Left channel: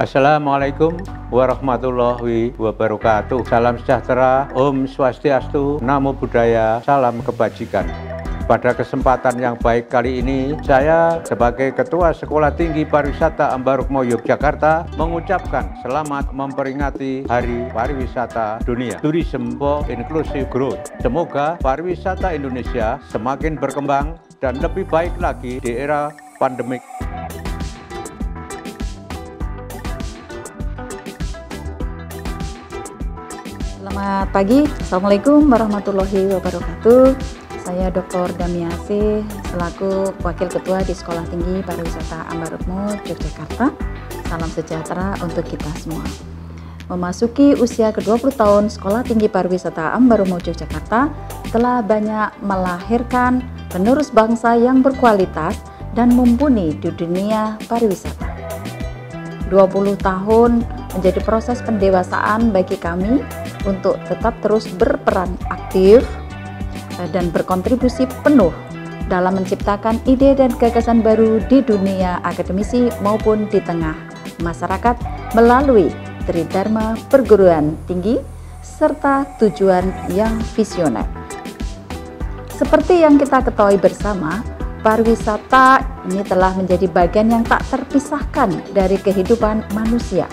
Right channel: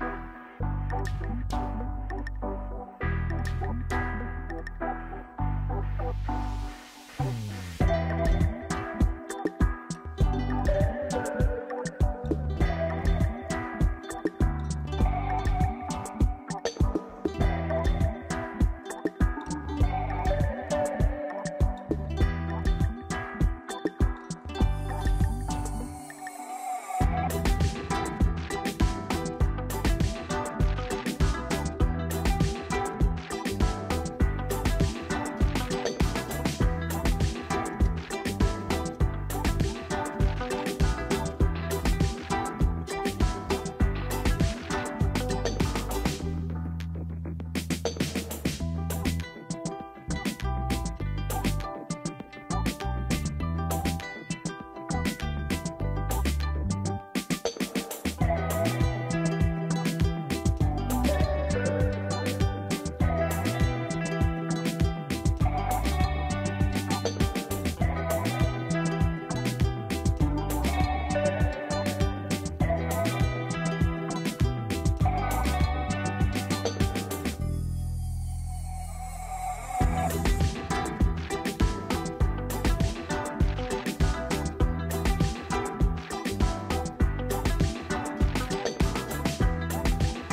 Assalamualaikum warahmatullahi wabarakatuh. Salam sejahtera, Om Swastiastu, Namo Buddhaya, salam kebajikan. Pada kesempatan yang baik kali ini, saya sebagai Ketua Sekolah Tinggi Pariwisata Ambarukmo Yogyakarta mengucapkan selamat memperingati Hari Pariwisata Dunia, Tourism for Inclusive Growth. Semoga pariwisata Indonesia semakin berkembang dan lebih baik lagi di era pandemik. Selamat pagi, Assalamualaikum warahmatullahi wabarakatuh. Saya Dr. Damiasi selaku Wakil Ketua di Sekolah Tinggi Pariwisata Ambarukmo Yogyakarta. Salam sejahtera untuk kita semua. Memasuki usia ke-20 tahun, Sekolah Tinggi Pariwisata Ambarukmo Yogyakarta telah banyak melahirkan penerus bangsa yang berkualitas dan mumpuni di dunia pariwisata. 20 tahun menjadi proses pendewasaan bagi kami untuk tetap terus berperan aktif dan berkontribusi penuh dalam menciptakan ide dan gagasan baru di dunia akademisi maupun di tengah masyarakat melalui Tridharma Perguruan Tinggi serta tujuan yang visioner. Seperti yang kita ketahui bersama, pariwisata ini telah menjadi bagian yang tak terpisahkan dari kehidupan manusia.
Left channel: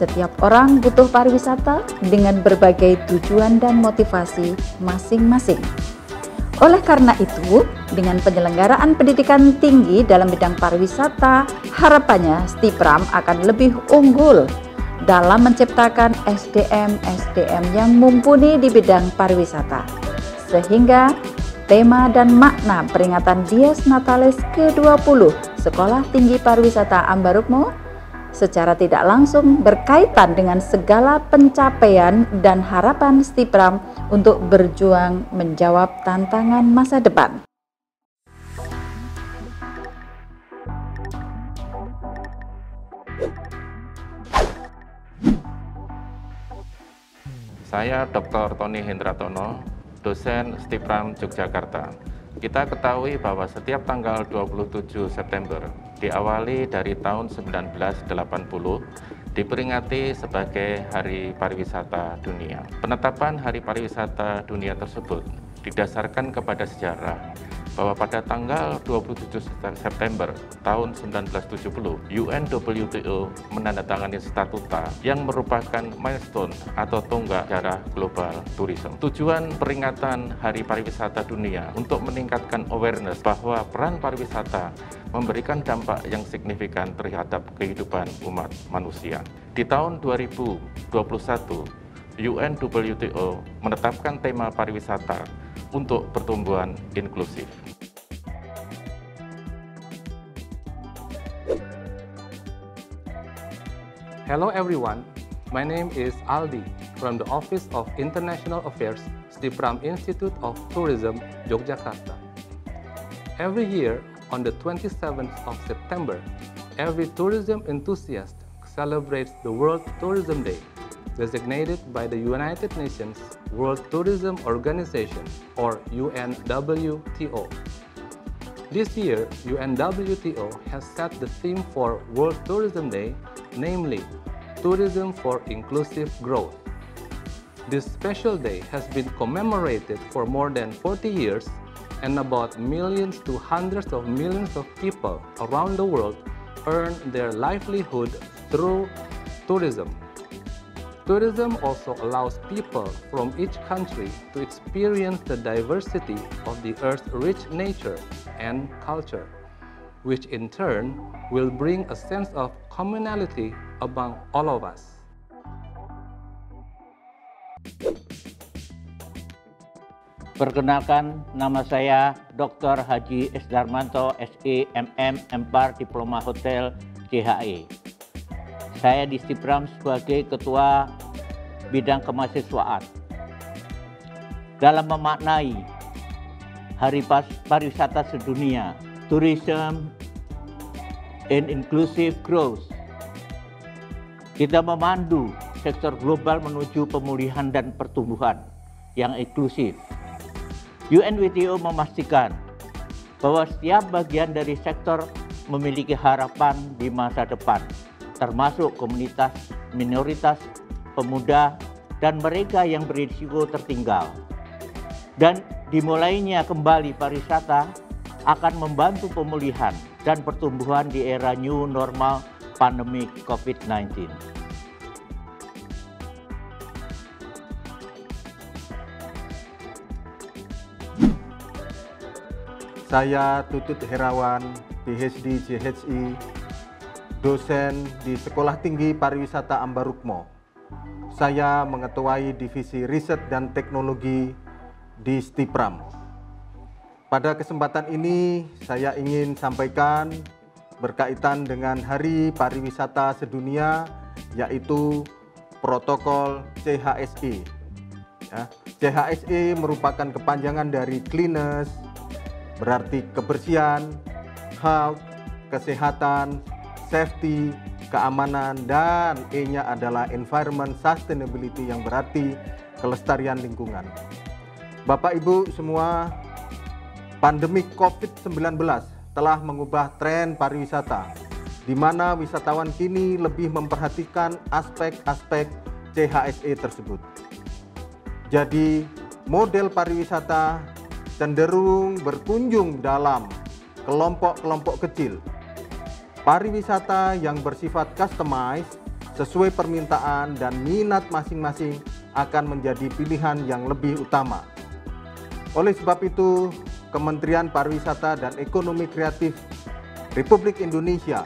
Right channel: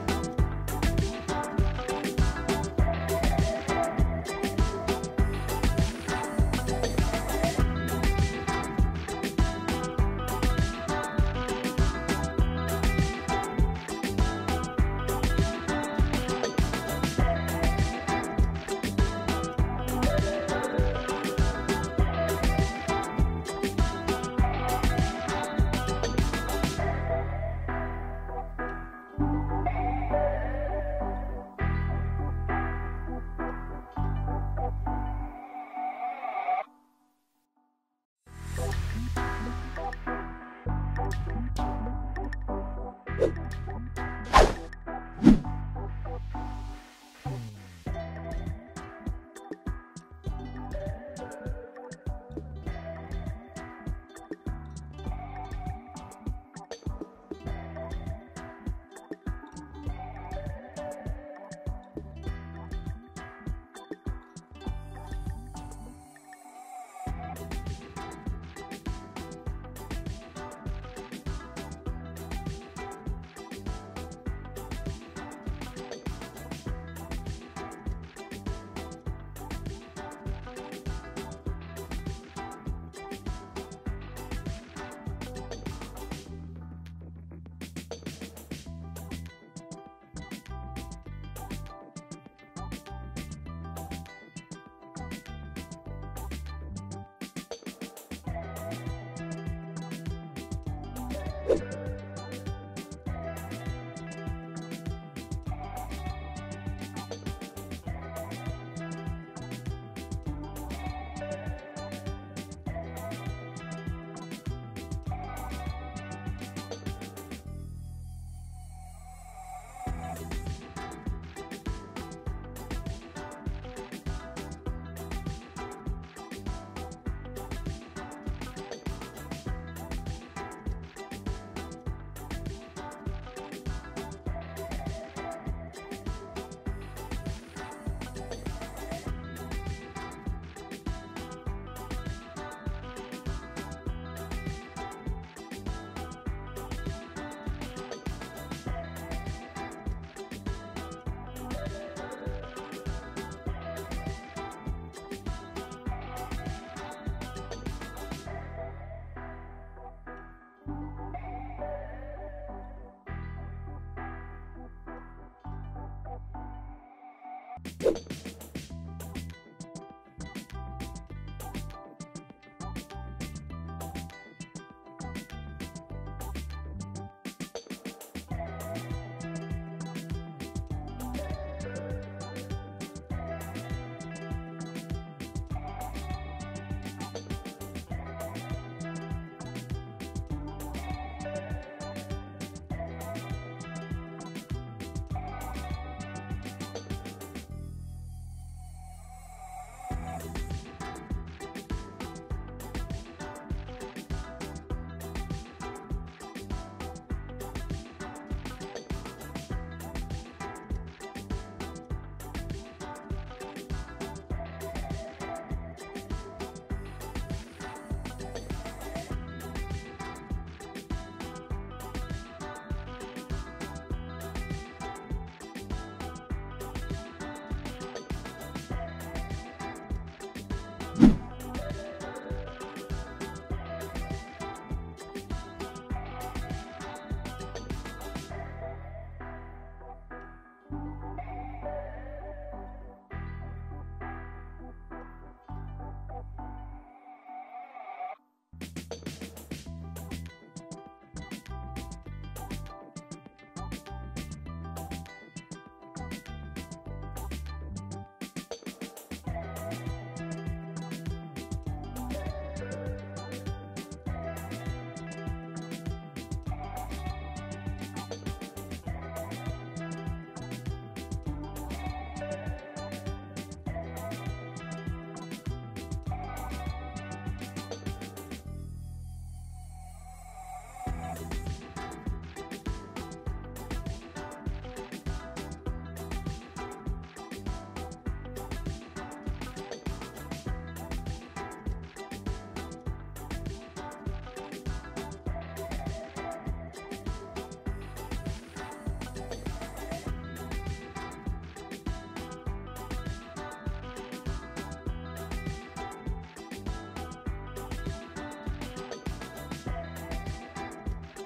Setiap orang butuh pariwisata dengan berbagai tujuan dan motivasi masing-masing. Oleh karena itu, dengan penyelenggaraan pendidikan tinggi dalam bidang pariwisata, harapannya Stipram akan lebih unggul dalam menciptakan SDM yang mumpuni di bidang pariwisata. Sehingga tema dan makna peringatan Dies Natalis ke-20 Sekolah Tinggi Pariwisata Ambarukmo secara tidak langsung berkaitan dengan segala pencapaian dan harapan Stipram untuk berjuang menjawab tantangan masa depan. Saya Dr. Tony Hendratono, dosen Stipram Yogyakarta. Kita ketahui bahwa setiap tanggal 27 September diawali dari tahun 1980 diperingati sebagai Hari Pariwisata Dunia. Penetapan Hari Pariwisata Dunia tersebut didasarkan kepada sejarah bahwa pada tanggal 27 September tahun 1970, UNWTO menandatangani statuta yang merupakan milestone atau tonggak sejarah global tourism. Tujuan peringatan Hari Pariwisata Dunia untuk meningkatkan awareness bahwa peran pariwisata memberikan dampak yang signifikan terhadap kehidupan umat manusia. Di tahun 2021, UNWTO menetapkan tema pariwisata untuk pertumbuhan inklusif. Hello everyone, my name is Aldi from the Office of International Affairs, Stipram Institute of Tourism, Yogyakarta. Every year, on the 27th of September, every tourism enthusiast celebrates the World Tourism Day, designated by the United Nations World Tourism Organization, or UNWTO. This year, UNWTO has set the theme for World Tourism Day, namely Tourism for Inclusive Growth. This special day has been commemorated for more than 40 years, and about millions to hundreds of millions of people around the world earn their livelihood through tourism. Tourism also allows people from each country to experience the diversity of the Earth's rich nature and culture, which in turn will bring a sense of communality among all of us. Perkenalkan, nama saya Dr. Haji S. Darmanto, SE, MM, MPAR, Diploma Hotel, CHE. Saya di Stipram sebagai Ketua Bidang Kemahasiswaan. Dalam memaknai Hari Pariwisata Sedunia, Tourism and Inclusive Growth, kita memandu sektor global menuju pemulihan dan pertumbuhan yang inklusif. UNWTO memastikan bahwa setiap bagian dari sektor memiliki harapan di masa depan termasuk komunitas minoritas, pemuda, dan mereka yang berisiko tertinggal. Dan dimulainya kembali pariwisata akan membantu pemulihan dan pertumbuhan di era new normal pandemi COVID-19. Saya Tutut Herawan, PhD JHI, dosen di Sekolah Tinggi Pariwisata Ambarukmo. Saya mengetuai Divisi Riset dan Teknologi di STIPRAM. Pada kesempatan ini saya ingin sampaikan berkaitan dengan Hari Pariwisata Sedunia, yaitu protokol CHSE. CHSE merupakan kepanjangan dari cleanliness, berarti kebersihan, health, kesehatan, safety, keamanan, dan E-nya adalah environment sustainability yang berarti kelestarian lingkungan. Bapak Ibu semua, pandemi COVID-19 telah mengubah tren pariwisata, di mana wisatawan kini lebih memperhatikan aspek-aspek CHSE tersebut. Jadi, model pariwisata cenderung berkunjung dalam kelompok-kelompok kecil. Pariwisata yang bersifat customized sesuai permintaan dan minat masing-masing akan menjadi pilihan yang lebih utama. Oleh sebab itu, Kementerian Pariwisata dan Ekonomi Kreatif Republik Indonesia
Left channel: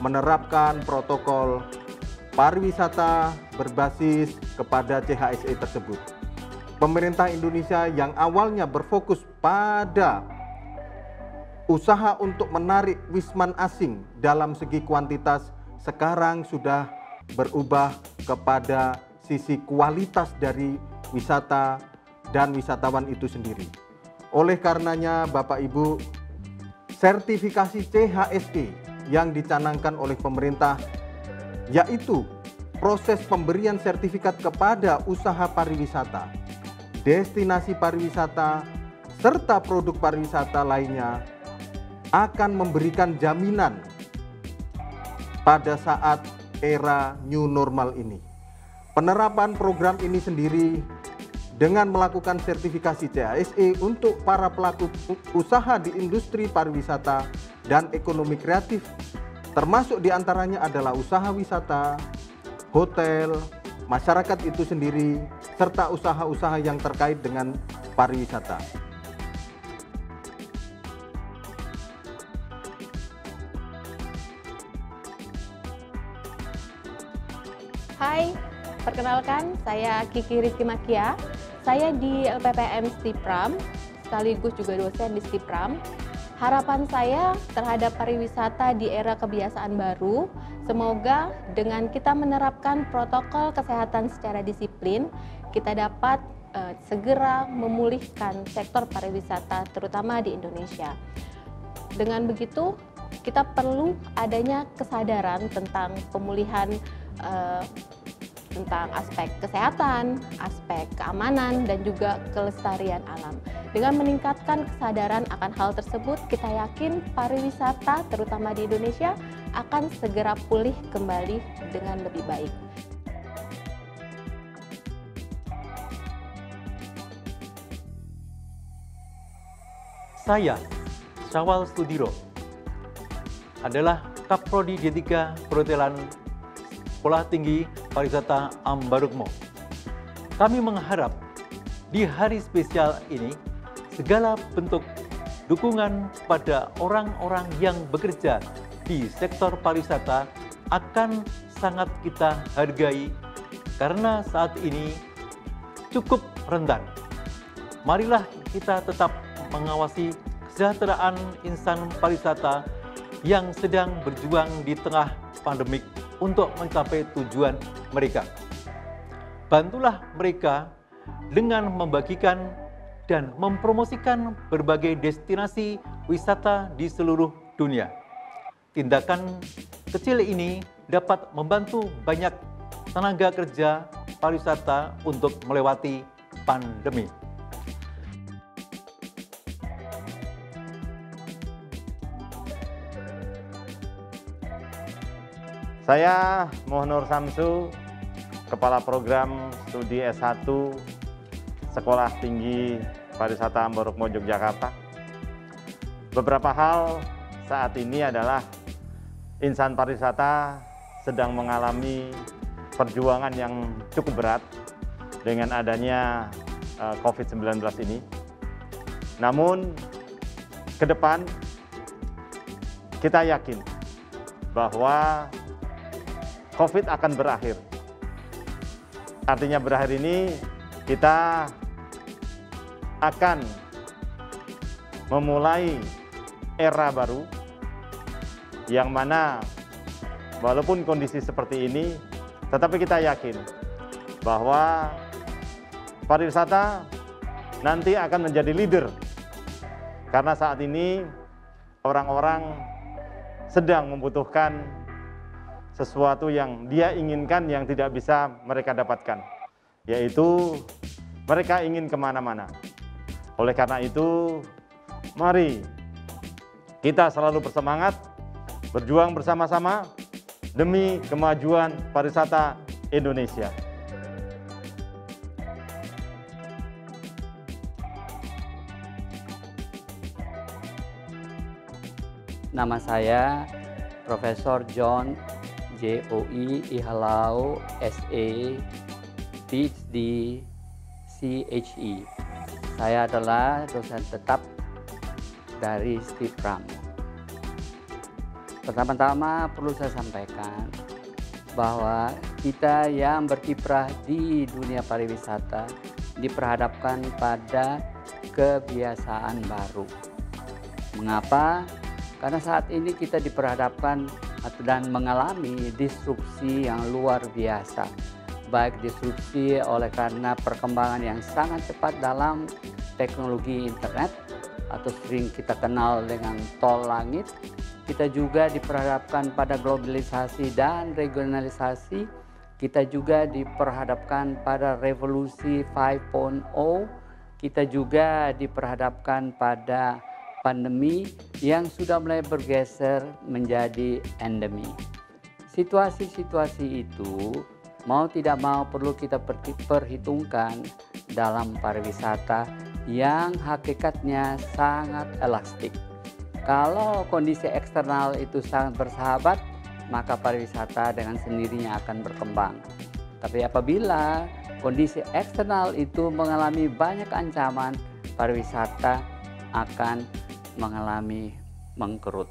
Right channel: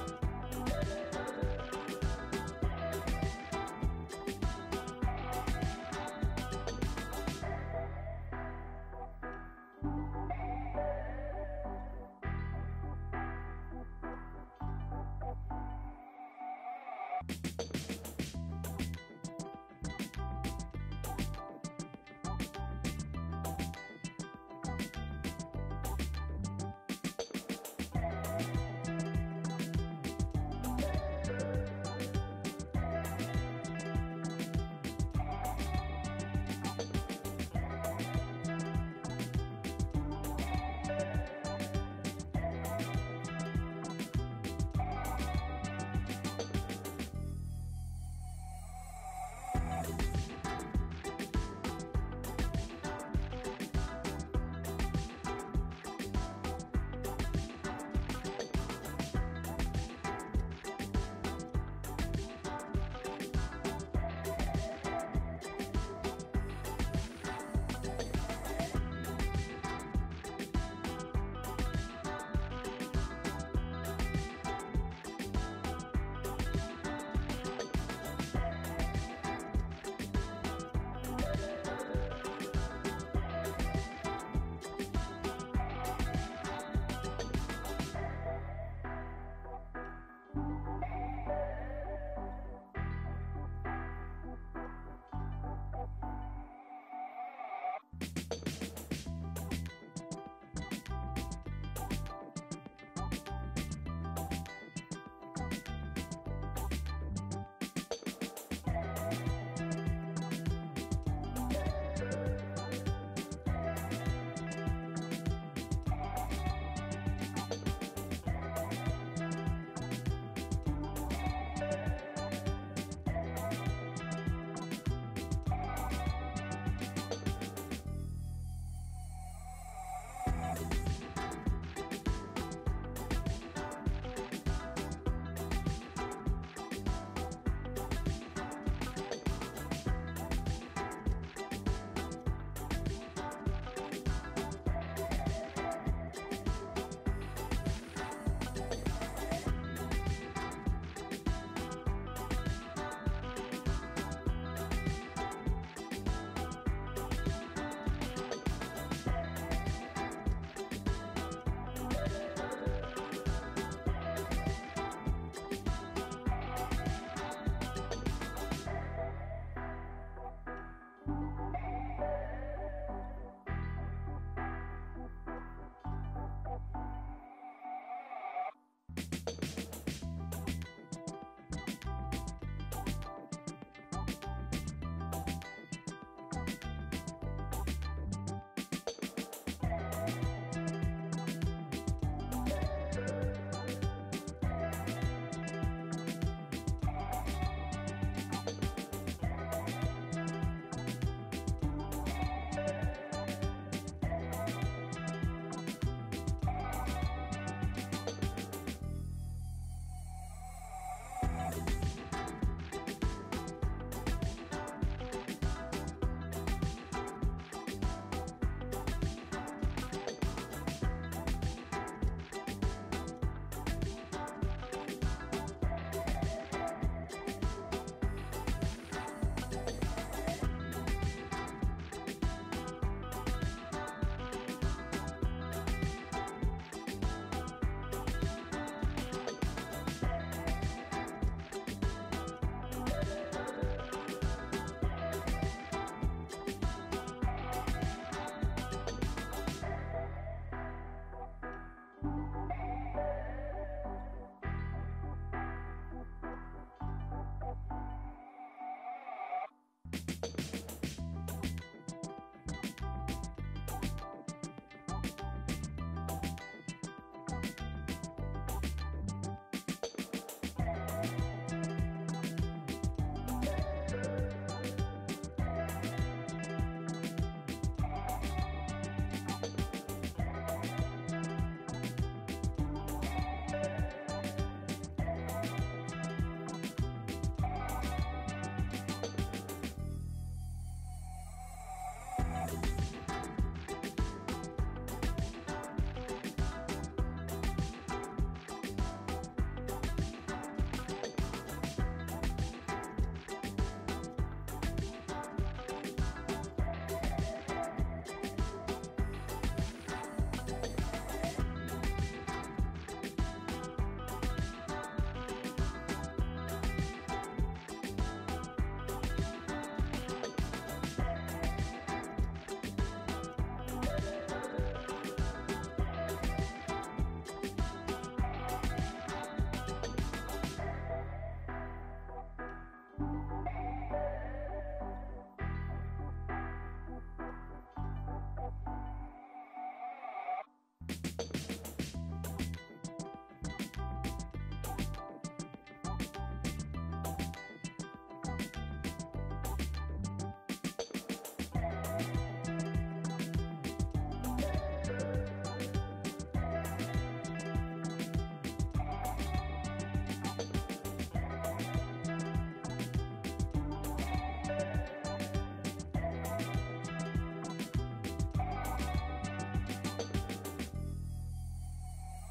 menerapkan protokol pariwisata berbasis kepada CHSE tersebut. Pemerintah Indonesia yang awalnya berfokus pada usaha untuk menarik wisman asing dalam segi kuantitas, sekarang sudah berubah kepada sisi kualitas dari wisata dan wisatawan itu sendiri. Oleh karenanya, Bapak Ibu, sertifikasi CHSE yang dicanangkan oleh pemerintah, yaitu proses pemberian sertifikat kepada usaha pariwisata, destinasi pariwisata, serta produk pariwisata lainnya akan memberikan jaminan pada saat era new normal ini. Penerapan program ini sendiri dengan melakukan sertifikasi CHSE untuk para pelaku usaha di industri pariwisata dan ekonomi kreatif, termasuk diantaranya adalah usaha wisata, hotel, masyarakat itu sendiri, serta usaha-usaha yang terkait dengan pariwisata. Hai, perkenalkan saya Kiki Rizky Makia. Saya di LPPM STIPRAM, sekaligus juga dosen di STIPRAM. Harapan saya terhadap pariwisata di era kebiasaan baru, semoga dengan kita menerapkan protokol kesehatan secara disiplin, kita dapat segera memulihkan sektor pariwisata, terutama di Indonesia. Dengan begitu, kita perlu adanya kesadaran tentang pemulihan tentang aspek kesehatan, aspek keamanan, dan juga kelestarian alam. Dengan meningkatkan kesadaran akan hal tersebut, kita yakin pariwisata, terutama di Indonesia, akan segera pulih kembali dengan lebih baik. Saya, Syawal Sudiro, adalah Kaprodi D3 Perhotelan Sekolah Tinggi Pariwisata Ambarukmo. Kami mengharap di hari spesial ini segala bentuk dukungan pada orang-orang yang bekerja di sektor pariwisata akan sangat kita hargai karena saat ini cukup rentan. Marilah kita tetap mengawasi kesejahteraan insan pariwisata yang sedang berjuang di tengah pandemik untuk mencapai tujuan mereka. Bantulah mereka dengan membagikan dan mempromosikan berbagai destinasi wisata di seluruh dunia. Tindakan kecil ini dapat membantu banyak tenaga kerja pariwisata untuk melewati pandemi. Saya Muhnur Samsu, Kepala Program Studi S1 Sekolah Tinggi Pariwisata Ambarukmo Yogyakarta. Beberapa hal saat ini adalah insan pariwisata sedang mengalami perjuangan yang cukup berat dengan adanya COVID-19 ini. Namun, ke depan kita yakin bahwa COVID akan berakhir. Artinya berakhir ini kita akan memulai era baru yang mana walaupun kondisi seperti ini, tetapi kita yakin bahwa pariwisata nanti akan menjadi leader. Karena saat ini orang-orang sedang membutuhkan sesuatu yang dia inginkan yang tidak bisa mereka dapatkan, yaitu mereka ingin kemana-mana. Oleh karena itu, mari kita selalu bersemangat, berjuang bersama-sama demi kemajuan pariwisata Indonesia. Nama saya Profesor John JOE Ihalau SE, PhD CHE. Saya adalah dosen tetap dari STIPRAM. Pertama-tama perlu saya sampaikan bahwa kita yang berkiprah di dunia pariwisata diperhadapkan pada kebiasaan baru. Mengapa? Karena saat ini kita diperhadapkan dan mengalami disrupsi yang luar biasa. Baik disrupsi oleh karena perkembangan yang sangat cepat dalam teknologi internet atau sering kita kenal dengan tol langit. Kita juga diperhadapkan pada globalisasi dan regionalisasi. Kita juga diperhadapkan pada revolusi 5.0. Kita juga diperhadapkan pada pandemi yang sudah mulai bergeser menjadi endemi. Situasi-situasi itu mau tidak mau perlu kita perhitungkan dalam pariwisata yang hakikatnya sangat elastik. Kalau kondisi eksternal itu sangat bersahabat, maka pariwisata dengan sendirinya akan berkembang. Tapi apabila kondisi eksternal itu mengalami banyak ancaman, pariwisata akan mengalami mengkerut.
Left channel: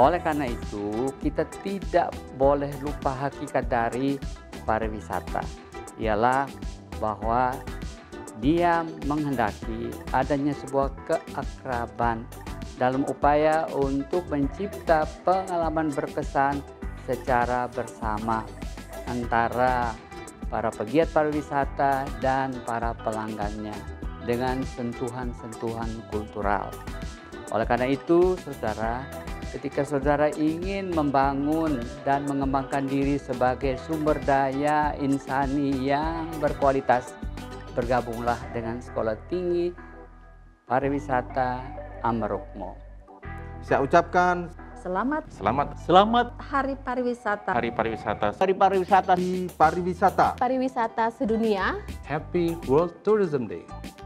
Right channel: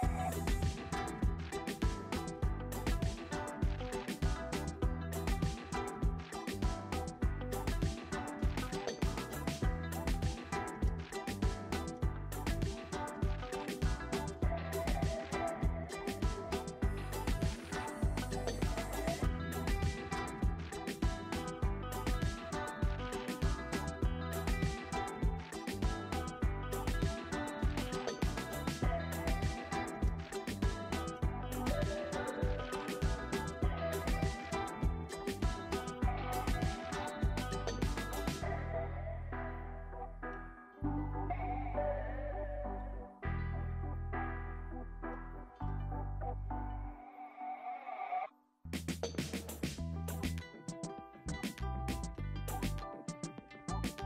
Oleh karena itu, kita tidak boleh lupa hakikat dari pariwisata, ialah bahwa dia menghendaki adanya sebuah keakraban dalam upaya untuk mencipta pengalaman berkesan secara bersama antara para pegiat pariwisata dan para pelanggannya dengan sentuhan-sentuhan kultural. Oleh karena itu, saudara, ketika saudara ingin membangun dan mengembangkan diri sebagai sumber daya insani yang berkualitas, bergabunglah dengan Sekolah Tinggi Pariwisata Ambarukmo. Saya ucapkan Selamat Hari Pariwisata. Hari Pariwisata. Hari Pariwisata. pariwisata. Pariwisata sedunia. Happy World Tourism Day.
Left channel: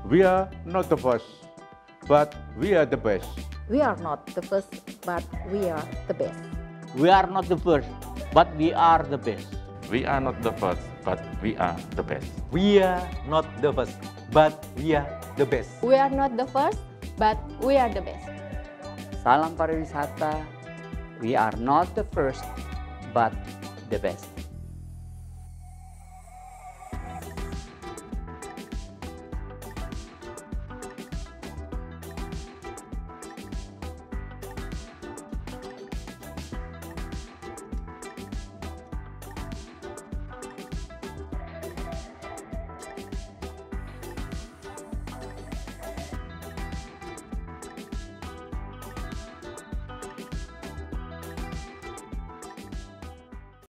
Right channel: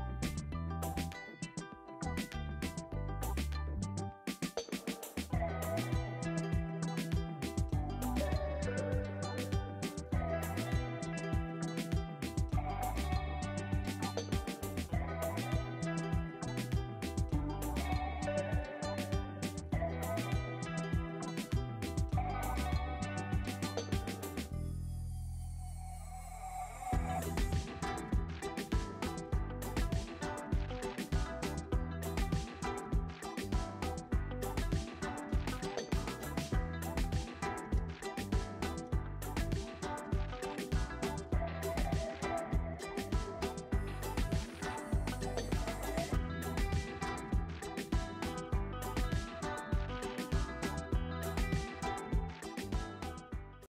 We are not the first, but we are the best. We are not the first, but we are the best. We are not the first, but we are the best. We are not the first, but we are the best. We are not the first, but we are the best. We are not the first, but we are the best. Salam pariwisata. We are not the first, but the best.